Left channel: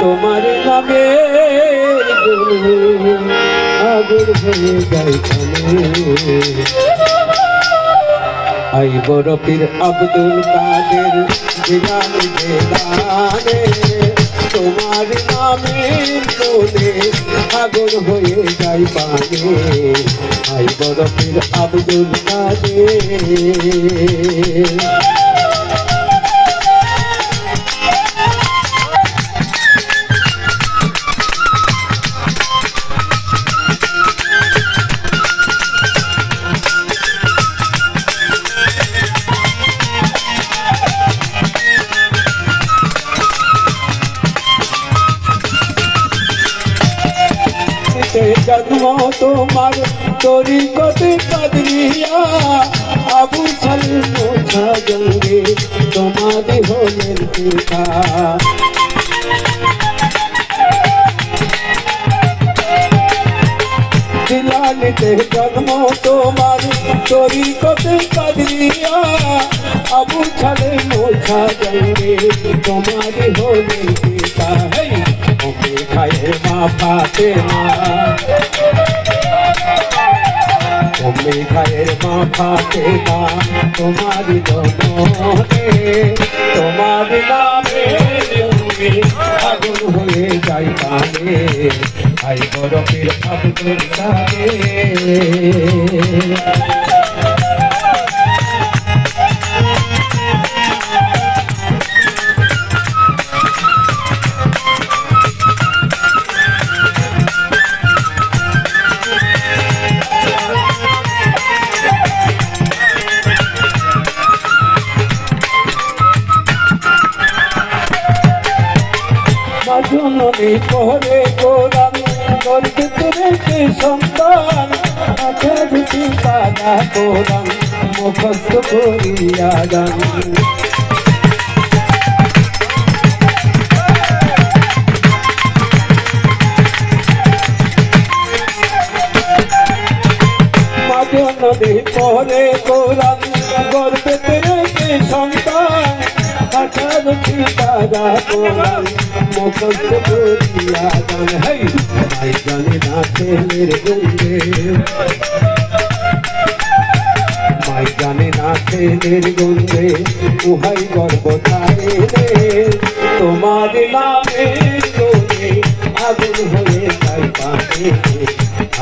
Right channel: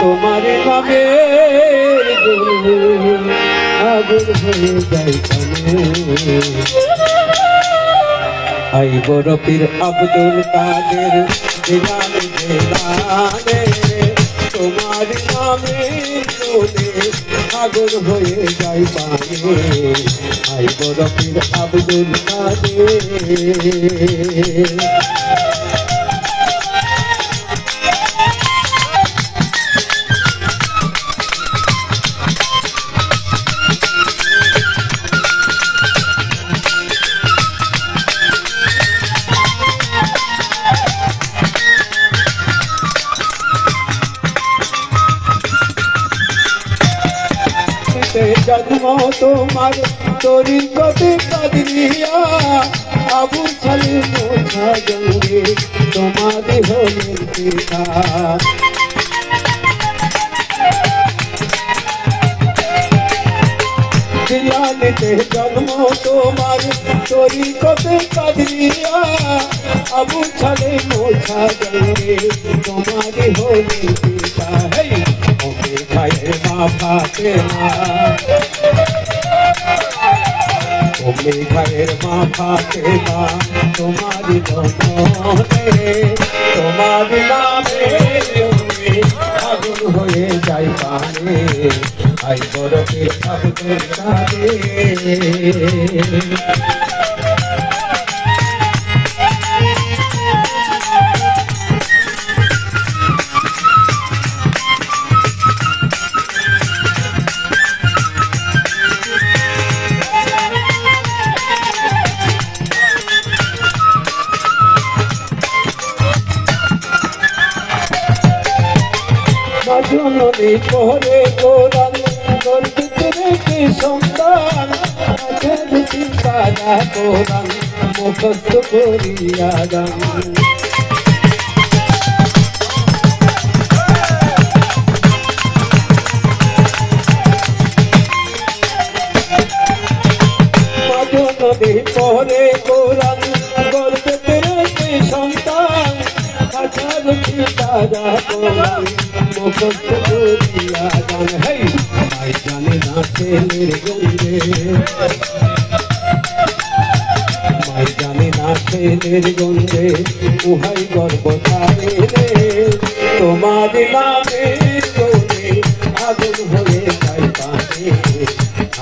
তোমার নামে আগুন হয়ে যায় আই বড় পীর আব্দুল কাদের জিলানী জিলানে তোমার নামে তোলে আগুন হয়ে যায় পানে আই বড় পীর আব্দুল কাদের জন্ম তোমার তরিকতে কাদিয়া আবু সালে মোছা জঙ্গে তোমারি হলেন পিতা জিলানীতে জন্ম তোমার তরিকতে কাদিয়া আবু সালে মোছা জঙ্গে তোমারি হলেন পিতা খায়ে মা ফাতেমা তুমি খায়ের মা ফাতেমা তোমারি মনে তোমার নামে আগুন হয়ে যায় পানে আই বড় পীর আব্দুল কাদের জননী পরে গোরান গর্বিতে রেখে সন্তান আখের চিন্তা কোরআন মুখস্থ করিয়া যান জননী পরে গোরান গর্বিতে রেখে সন্তান আখের চিন্তা কোরআন মুখস্থ করিয়া যান ভাই জানে না ছেলের গঙ্গে মাই জানে না ছেলের গঙ্গে উহাই গর্ব ধারে রে তোমার নামে চলে আগুন হয়ে যায় পানে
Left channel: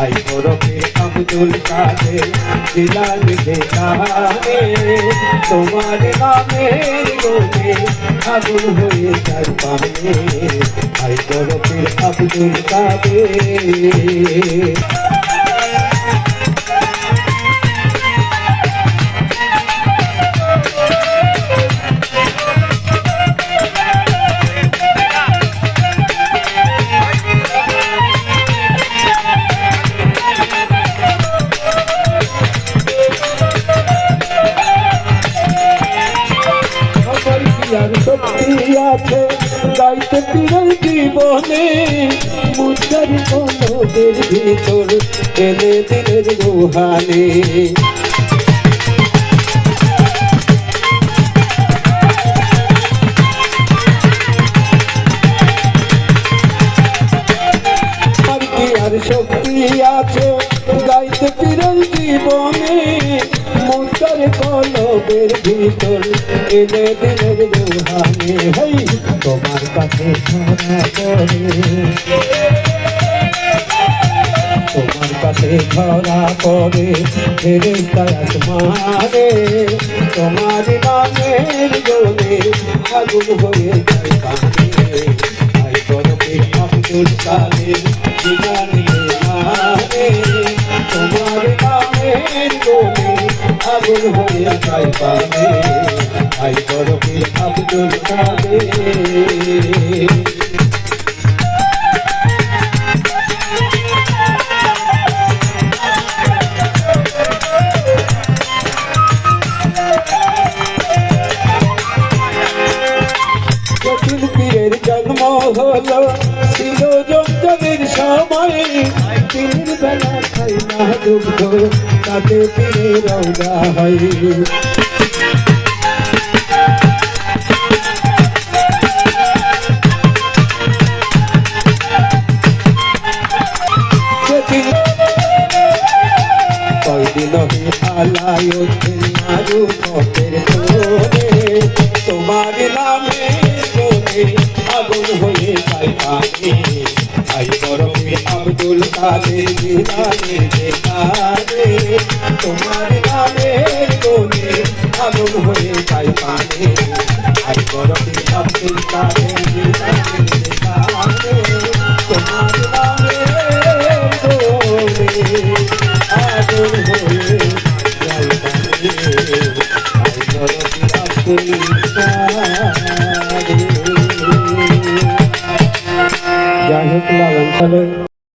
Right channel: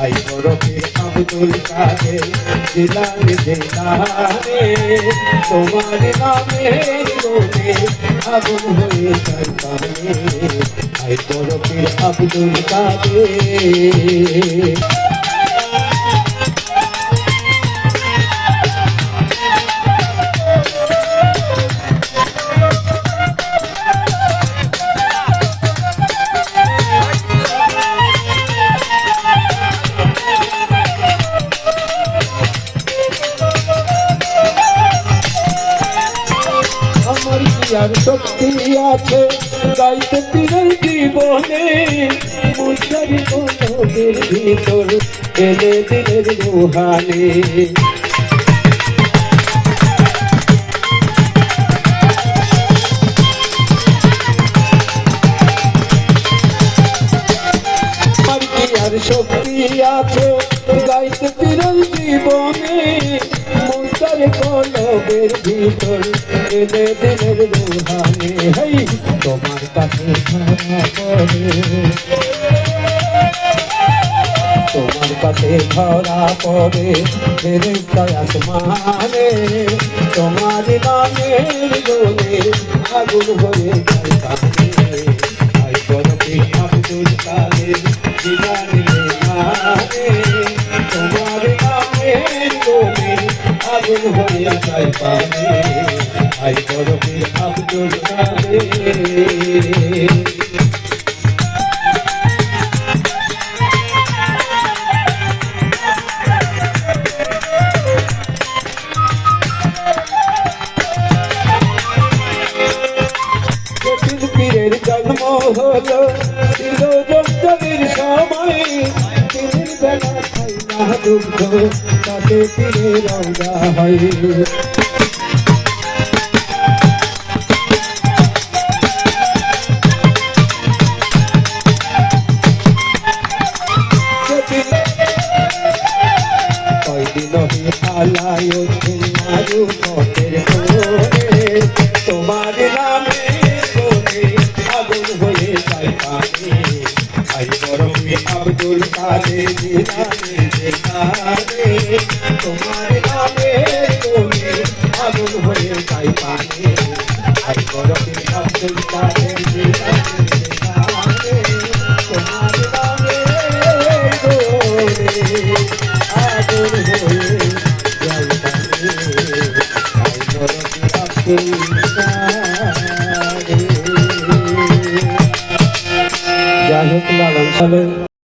আই বরফে আব্দুল কাদের জিলানী জিলানে তোমার নামে চলে আগুন হয়ে যায় পানে আই বরফে আব্দুল কাদের শক্তি আছে গাইতে পীরের জীবনে মুজারি কোনদের ভিতর এলে দিলের রুহানি আর শক্তি আছে গাইতে পীরের জীবনে মুজারি কলবের ভিতর এলে দিলের রুহানি হই তোমার কাছে ধরা পড়ে তোমার কাছে ধরা পড়ে ফেরেশতা আসমানে তোমার নামের জোরে আগুন হয়ে যায় পানে আই বরফে আব্দুল কাদের জিলানী মানে তোমার নামের জোরে আগুন হয়ে যায় পানে আই বরফে আব্দুল কাদের পীরের জন্ম হলো ছিল জমের সময় পীরের বেলা খাই না দুগ্ধ তাতে পীরের রওনা হয় রূপের কোণে তোমার নামে কোণে আগুন হয়ে যায় পানি ভাই বরফে আব্দুল কাদের জিলানী যেখানে তোমার